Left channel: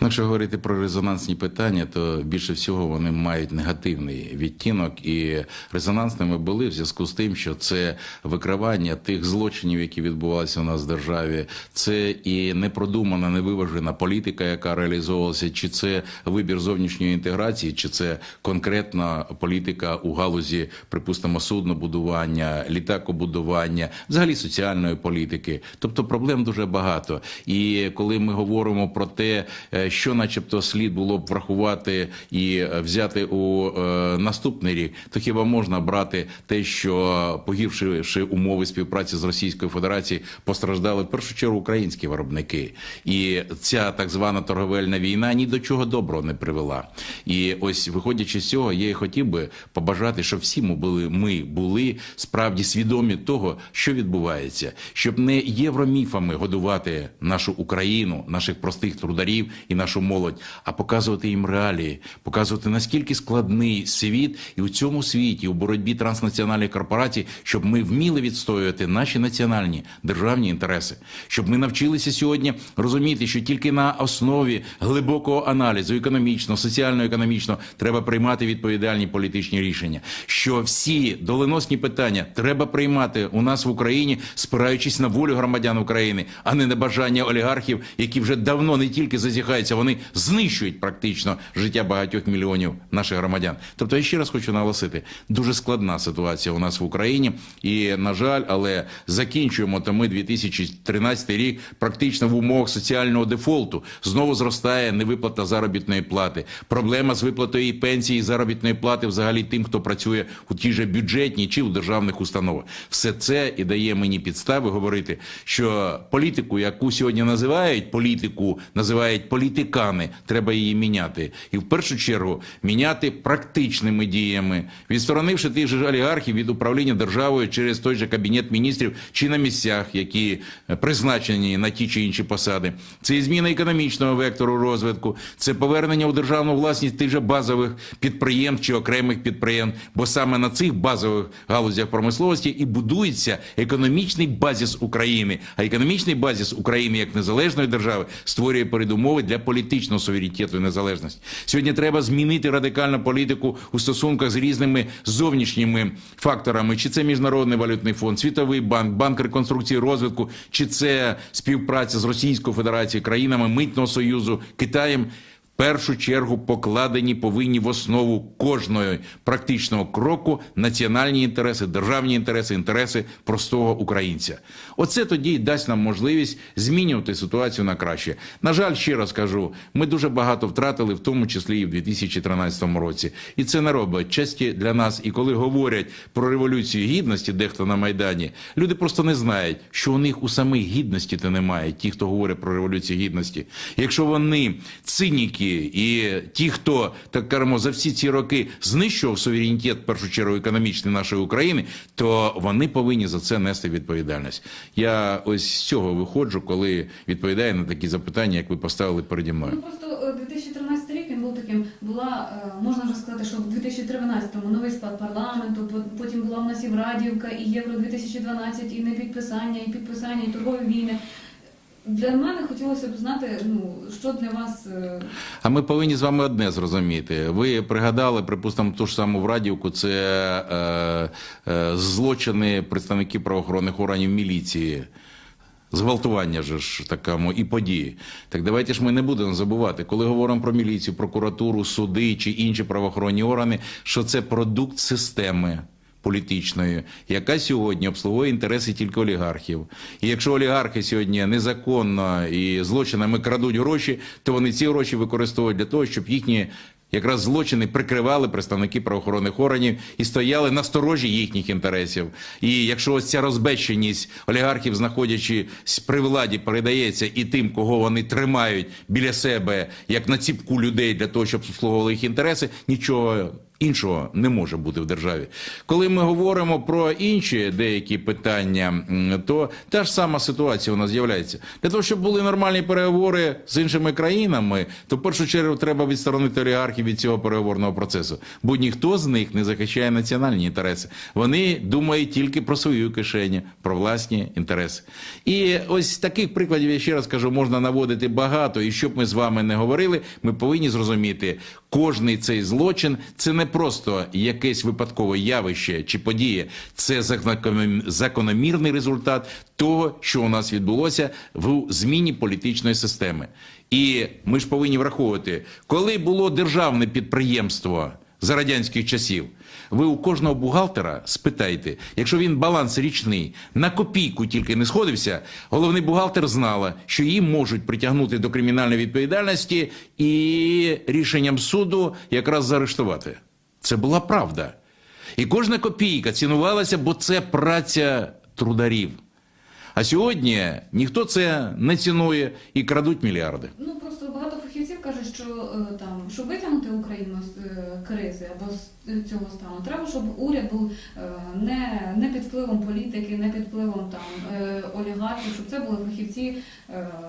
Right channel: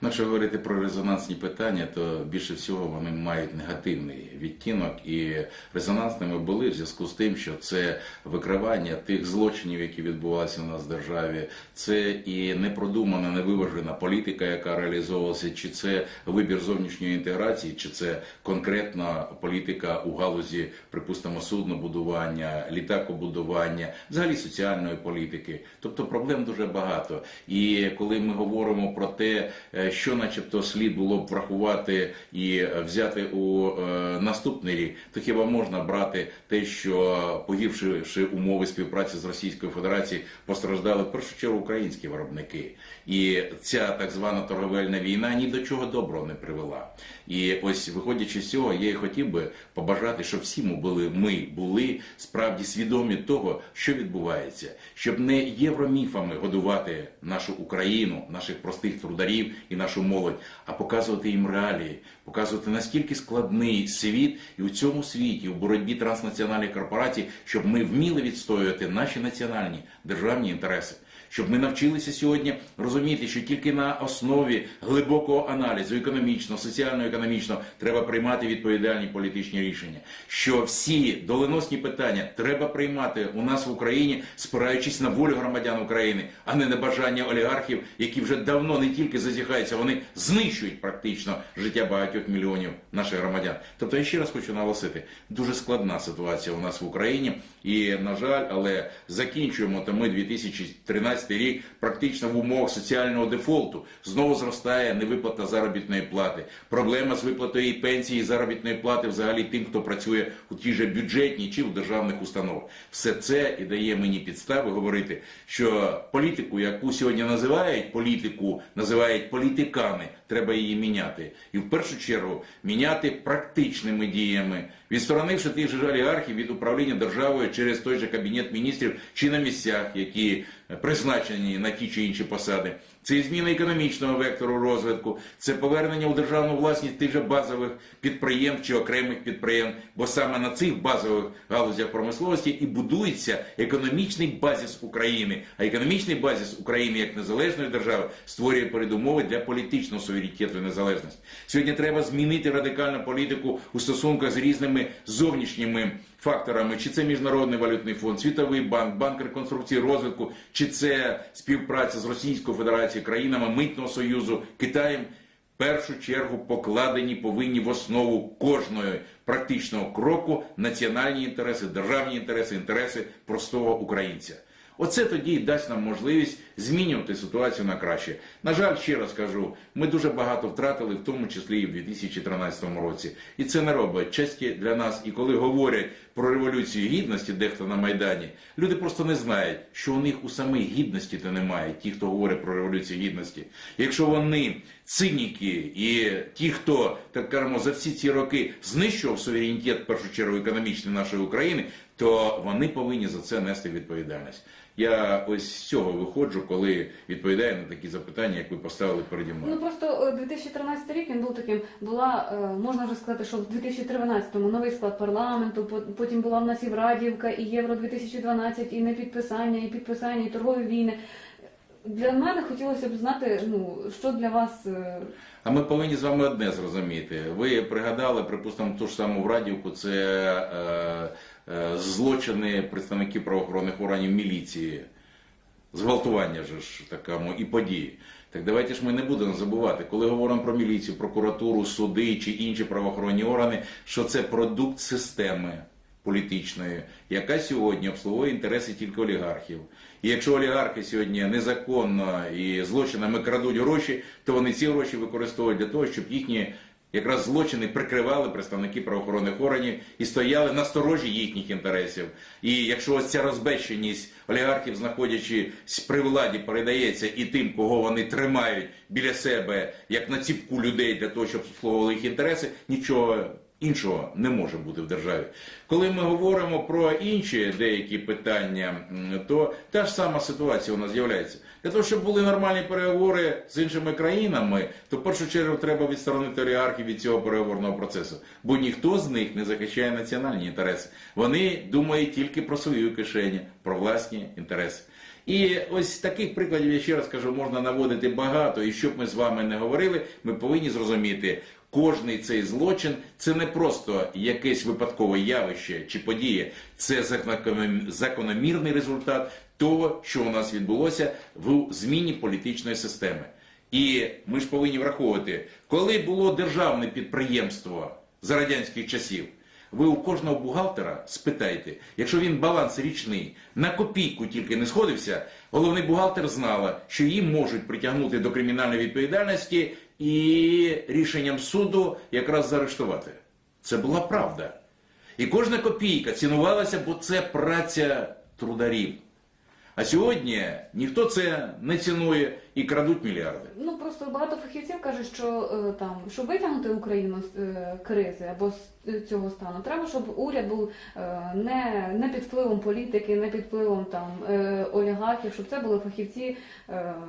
Ну, Якщо говорити про резонансні питання, то більше всього вони мають негативний відтінок, і резонансними були в зв'язку з тим, що це викривання тих злочинів, які відбувалися у нас в державі, це і непродумана, невиважена політика, яка реалізовувалася, чи це вибір зовнішньої інтеграції, чи це конкретна політика у галузі, припустимо, суднобудування, літакобудування, взагалі соціальної політики. Тобто проблем дуже багато. І коли ми говоримо про те, що, начебто, слід було б врахувати і е, взяти у е, наступний рік, то хіба можна брати те, що погіршивши умови співпраці з Російською Федерацією, постраждали в першу чергу українські виробники, і ця так звана торговельна війна ні до чого доброго не привела. І ось виходячи з цього, я і хотів би побажати, щоб всі ми були, ми були справді свідомі того, що відбувається, щоб не євроміфами годувати нашу Україну, наших простих трударів і нашу молодь, а показувати їм реалії, показувати наскільки складний світ, і у цьому світі, у боротьбі транснаціональних корпорацій, щоб ми вміли відстоювати наші національні державні інтереси, щоб ми навчилися сьогодні розуміти, що тільки на основі глибокого аналізу економічного, соціально-економічного треба приймати відповідальні політичні рішення. Що всі доленосні питання треба приймати у нас в Україні, спираючись на волю громадян України, а не на бажання олігархів, які вже давно не тільки зазіхаються, вони знищують практично життя багатьох мільйонів наших громадян. Тобто, я ще раз хочу наголосити, дуже складна ситуація у нас в Україні, і на жаль, але закінчуємо то ми 2013 рік практично в умовах соціального дефолту. Знову зростає невиплата заробітної плати. Проблема з виплатою пенсії і заробітної плати взагалі тим, хто працює у тій же бюджетній чи у державних установах. Все це і дає мені підстави говорити, що політику, яку сьогодні називають політику, називають політикани, треба її міняти. І в першу чергу міняти практичними діями, відсторонивши тих же олігархів від управління державою через той же кабінет міністрів чи на місцях, які е, призначені на ті чи інші посади. Це і зміна економічного вектору розвитку, це повернення у державну власність тих же базових підприємств чи окремих підприємств, бо саме на цих базових галузях промисловості і будується економічний базіс України. А економічний базіс України як незалежної держави створює передумови для політичного суверенітету і незалежності. Сьогодні треба змінити радикальну політику у стосунках з різними зовнішніми факторами, чи це міжнародний валютний фонд, світовий банк, банк реконструкції розвитку, чи це співпраця з Російською Федерацією, країнами митного союзу, Китаєм. Першу чергу покладені повинні в основу кожної практичного кроку національні інтереси, державні інтереси, інтереси простого українця. Оце тоді й дасть нам можливість змінювати ситуацію на краще. На жаль, ще раз кажу, ми дуже багато втратили, в тому числі і в 2013 році. І це не робить честі для нас. І коли говорять про революцію гідності, дехто на майдані, люди просто не знають, що у них у самих гідності то немає. Ті, хто говорить про революцію гідності. Якщо вони циніки і ті, хто так кажемо, за всі ці роки знищував суверенітет, в першу чергу економічний нашої України, то вони повинні за це нести відповідальність. Я ось з цього виходжу, коли відповідаю на такі запитання, як ви поставили переді мною. Ну просто е, 2013 рік він був таким. Була е, можна вже сказати, що в 2013-му новий склад парламенту. по- Потім була в нас і Врадівка, і Євро 2012, і непідписання, і підписання, і торгові війни. Для мене хотілося б знати, ну що для вас е, А ми повинні з вами одне зрозуміти. Ви пригадали, припустимо, ту ж саму Врадівку, це е, е, злочини представників правоохоронних органів міліції. Зґвалтування же ж такому і події. Так давайте ж ми не будемо забувати, коли говоримо про міліцію, прокуратуру, суди чи інші правоохоронні органи, що це продукт системи. Політичної, яка сьогодні обслуговує інтереси тільки олігархів. І якщо олігархи сьогодні незаконно і злочинами крадуть гроші, то вони ці гроші використовують для того, щоб їхні якраз злочини прикривали представники правоохоронних органів і стояли на сторожі їхніх інтересів. І якщо ось ця розбещеність олігархів, знаходячись при владі, передається і тим, кого вони тримають біля себе, як на ціпку людей для того, щоб обслуговували їх інтереси, нічого Іншого не може бути в державі. Коли ми говоримо про інші деякі питання, то та ж сама ситуація у нас з'являється. Для того, щоб були нормальні переговори з іншими країнами, то в першу чергу треба відсторонити олігархів від цього переговорного процесу. Бо ніхто з них не захищає національні інтереси. Вони думають тільки про свою кишеню, про власні інтереси. І ось таких прикладів, я ще раз кажу, можна наводити багато. І щоб ми з вами не говорили, ми повинні зрозуміти, кожний цей злочин це не просто якесь випадкове явище чи подія, це закономірний результат того, що у нас відбулося в зміні політичної системи. І ми ж повинні враховувати, коли було державне підприємство за радянських часів. Ви у кожного бухгалтера спитайте, якщо він баланс річний на копійку тільки не сходився, головний бухгалтер знала, що її можуть притягнути до кримінальної відповідальності і рішенням суду якраз заарештувати. Це була правда. І кожна копійка цінувалася, бо це праця трударів. А сьогодні ніхто це не цінує і крадуть мільярди. Кажуть, що е, там, щоб витягнути Україну з е, кризи або з е, цього стану, треба, щоб уряд був не, не під впливом політики, не під впливом там олігархів, щоб це були фахівці,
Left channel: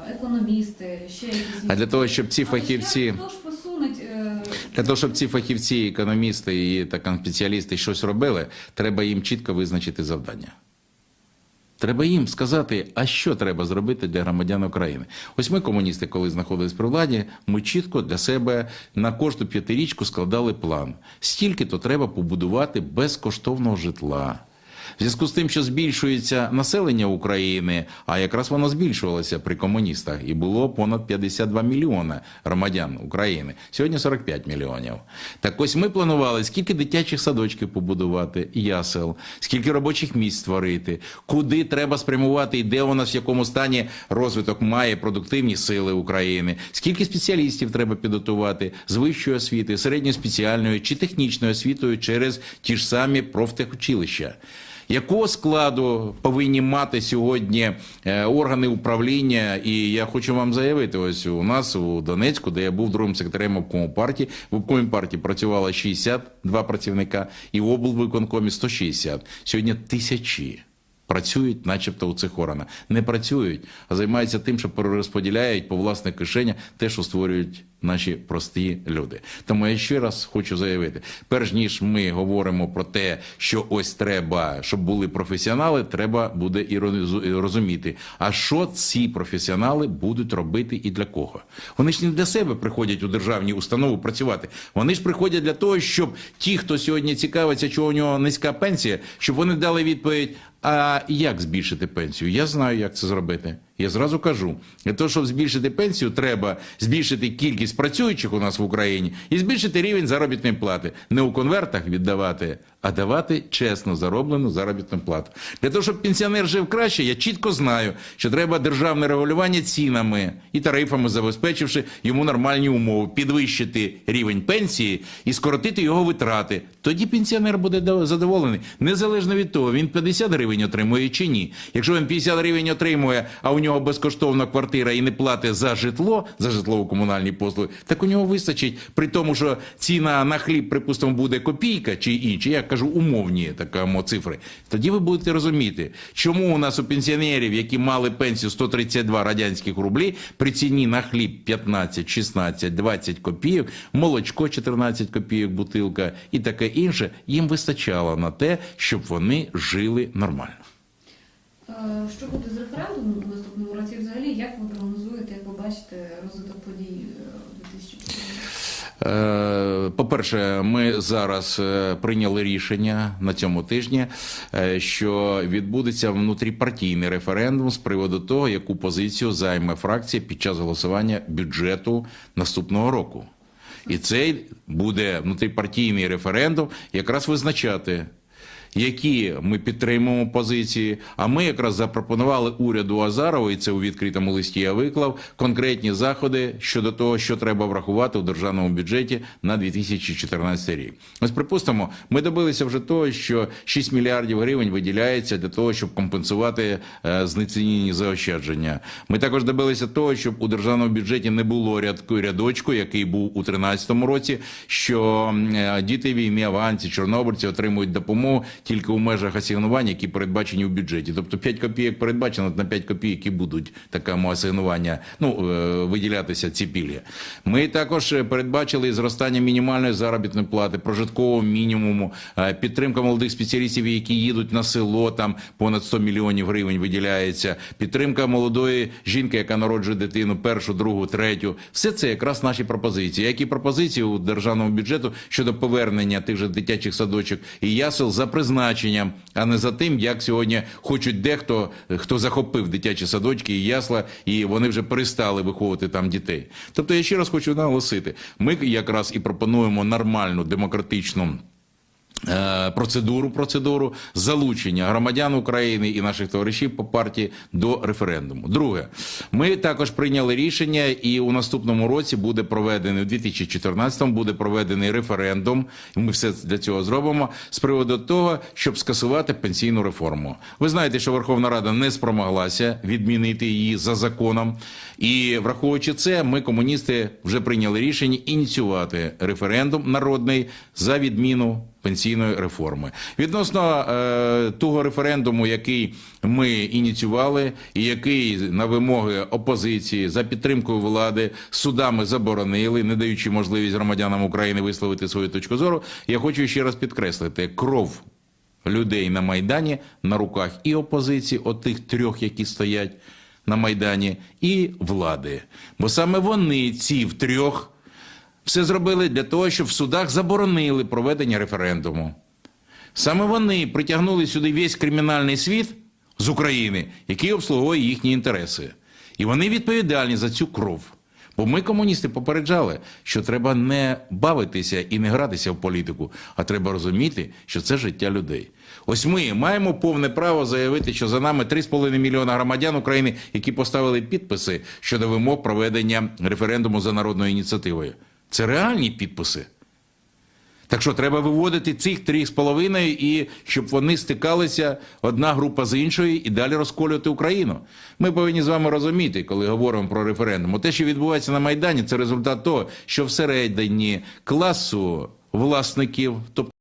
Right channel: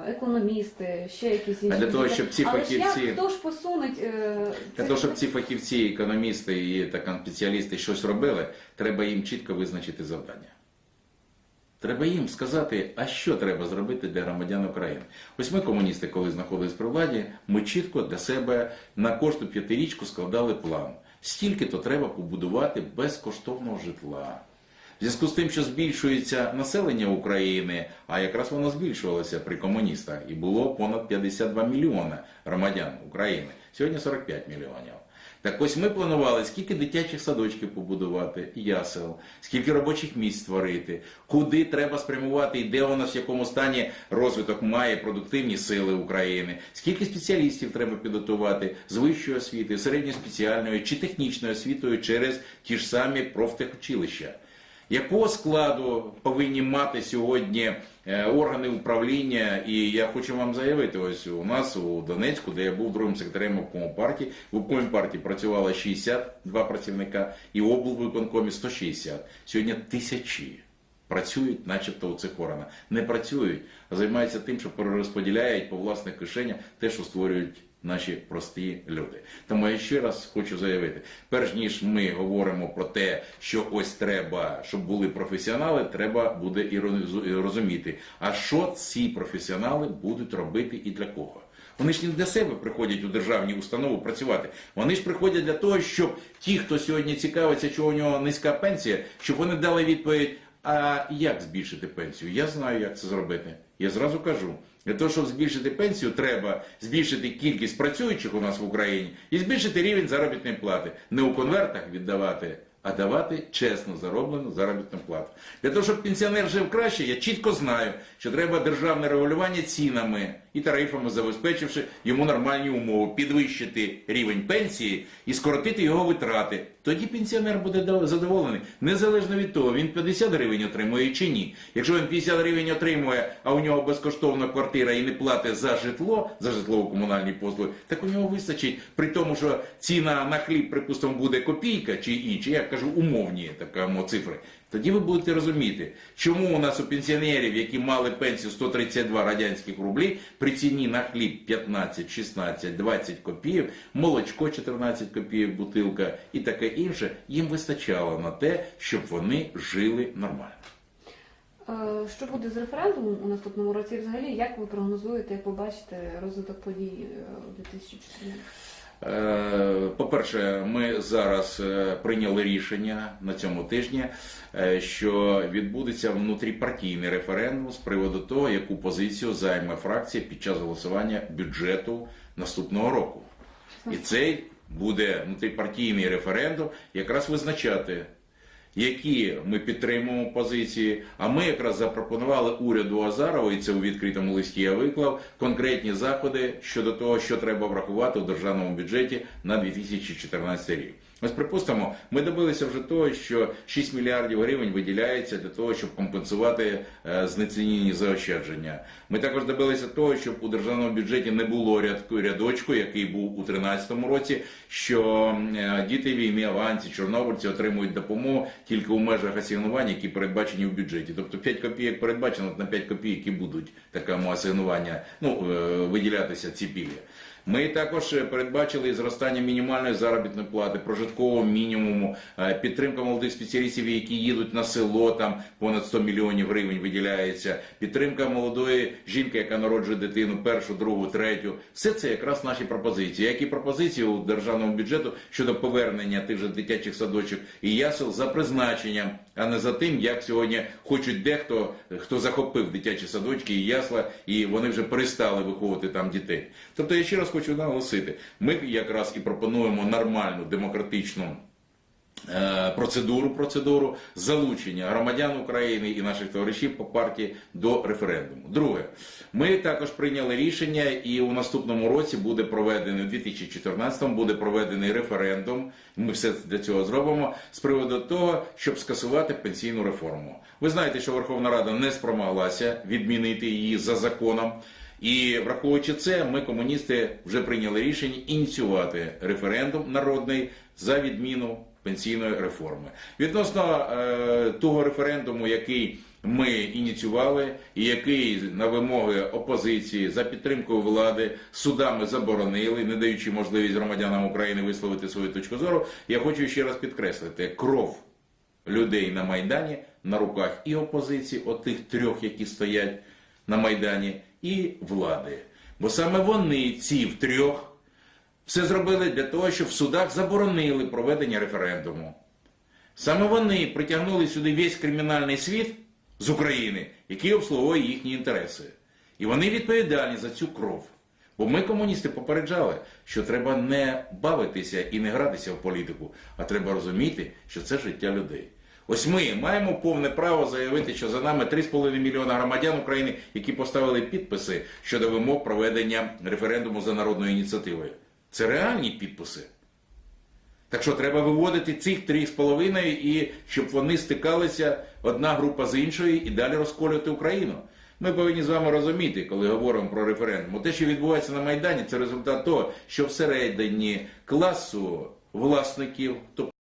економісти, ще якісь А для того, щоб ці Але фахівці- як, хто ж посунуть Для того, щоб ці фахівці, економісти і так, спеціалісти щось робили, треба їм чітко визначити завдання. Треба їм сказати, а що треба зробити для громадян України. Ось ми, комуністи, коли знаходились при владі, ми чітко для себе на кожну п'ятирічку складали план. Стільки то треба побудувати безкоштовного житла. В зв'язку з тим, що збільшується населення України, а якраз воно збільшувалося при комуністах, і було понад 52 мільйона громадян України. Сьогодні 45 мільйонів. Так ось ми планували, скільки дитячих садочків побудувати, ясел, скільки робочих місць створити, куди треба спрямувати і де у нас в якому стані розвиток має продуктивні сили України, скільки спеціалістів треба підготувати з вищої освіти, середньої спеціальної чи технічною освітою через ті ж самі профтехучилища. Якого складу повинні мати сьогодні е, органи управління? І я хочу вам заявити: ось у нас у Донецьку, де я був другим секретарем обкому партії, в обкомі партії працювало 62 працівника, і в облвиконкомі 160. Сьогодні тисячі. Працюють, начебто, у цих органах. Не працюють, а займаються тим, що перерозподіляють по власних кишенях те, що створюють наші прості люди. Тому я ще раз хочу заявити: перш ніж ми говоримо про те, що ось треба, щоб були професіонали, треба буде і розуміти, а що ці професіонали будуть робити і для кого. Вони ж не для себе приходять у державні установи працювати. Вони ж приходять для того, щоб ті, хто сьогодні цікавиться, чого у нього низька пенсія, щоб вони дали відповідь. А як збільшити пенсію? Я знаю, як це зробити. Я зразу кажу, для того, щоб збільшити пенсію, треба збільшити кількість працюючих у нас в Україні і збільшити рівень заробітної плати. Не у конвертах віддавати, а давати чесно зароблену заробітну плату. Для того, щоб пенсіонер жив краще, я чітко знаю, що треба державне регулювання цінами і тарифами, забезпечивши йому нормальні умови, підвищити рівень пенсії і скоротити його витрати. Тоді пенсіонер буде задоволений, незалежно від того, він 50 гривень отримує чи ні. Якщо він 50 гривень отримує, а у нього безкоштовна квартира і не платить за житло, за житлово-комунальні послуги, так у нього вистачить при тому, що ціна на хліб, припустимо, буде копійка чи інші, я кажу умовні такому цифри. Тоді ви будете розуміти, чому у нас у пенсіонерів, які мали пенсію 132 радянських рублі, при ціні на хліб 15, 16, 20 копійок, молочко 14 копійок, бутилка і таке інше, їм вистачало на те, щоб вони жили нормально. Е, Що буде з референдумом у наступному році? Взагалі, як ви прогнозуєте, як ви бачите розвиток подій е, у 2014? Е, По-перше, ми зараз прийняли рішення на цьому тижні, що відбудеться внутріпартійний референдум з приводу того, яку позицію займе фракція під час голосування бюджету наступного року. І цей буде внутріпартійний референдум якраз визначати, які ми підтримуємо позиції. А ми якраз запропонували уряду Азарова, і це у відкритому листі я виклав конкретні заходи щодо того, що треба врахувати у державному бюджеті на 2014 рік. Ось припустимо, ми добилися вже того, що 6 мільярдів гривень виділяється для того, щоб компенсувати е, знецінені заощадження. Ми також добилися того, щоб у державному бюджеті не було рядку рядочку, який був у 2013 році, що е, діти війни, аванці, чорнобильці отримують допомогу тільки у межах асигнувань, які передбачені в бюджеті. Тобто 5 копійок передбачено на 5 копійок і будуть такому асигнування ну, е, виділятися ці пільги. Ми також е, передбачили зростання мінімальної заробітної плати, прожиткового мінімуму, е, підтримка молодих спеціалістів, які їдуть на село, там понад 100 мільйонів гривень виділяється, підтримка молодої жінки, яка народжує дитину, першу, другу, третю. Все це якраз наші пропозиції, як і пропозиції у державному бюджету щодо повернення тих же дитячих садочок і ясел за призначенням, а не за тим, як сьогодні хочуть дехто, хто захопив дитячі садочки і ясла, і вони вже перестали виховувати там дітей. Тобто я ще раз хочу наголосити, ми якраз і пропонуємо нормальну демократичну. Е, Процедуру, процедуру залучення громадян України і наших товаришів по партії до референдуму. Друге, ми також прийняли рішення, і у наступному році буде проведений у 2014-му буде проведений референдум. Ми все для цього зробимо з приводу того, щоб скасувати пенсійну реформу. Ви знаєте, що Верховна Рада не спромоглася відмінити її за законом. І враховуючи це, ми, комуністи, вже прийняли рішення ініціювати референдум народний за відміну пенсійної реформи. Відносно е, того референдуму, який ми ініціювали, і який на вимоги опозиції за підтримкою влади судами заборонили, не даючи можливість громадянам України висловити свою точку зору, я хочу ще раз підкреслити кров людей на майдані на руках і опозиції, от тих трьох, які стоять на майдані, і влади. Бо саме вони, ці втрьох, все зробили для того, щоб в судах заборонили проведення референдуму. Саме вони притягнули сюди весь кримінальний світ з України, який обслуговує їхні інтереси. І вони відповідальні за цю кров. Бо ми, комуністи, попереджали, що треба не бавитися і не гратися в політику, а треба розуміти, що це життя людей. Ось ми маємо повне право заявити, що за нами 3,5 мільйона громадян України, які поставили підписи щодо вимог проведення референдуму за народною ініціативою. Це реальні підписи. Так що треба виводити цих три з половиною і щоб вони стикалися одна група з іншою і далі розколювати Україну. Ми повинні з вами розуміти, коли говоримо про референдум. Те, що відбувається на Майдані, це результат того, що всередині класу власників, тобто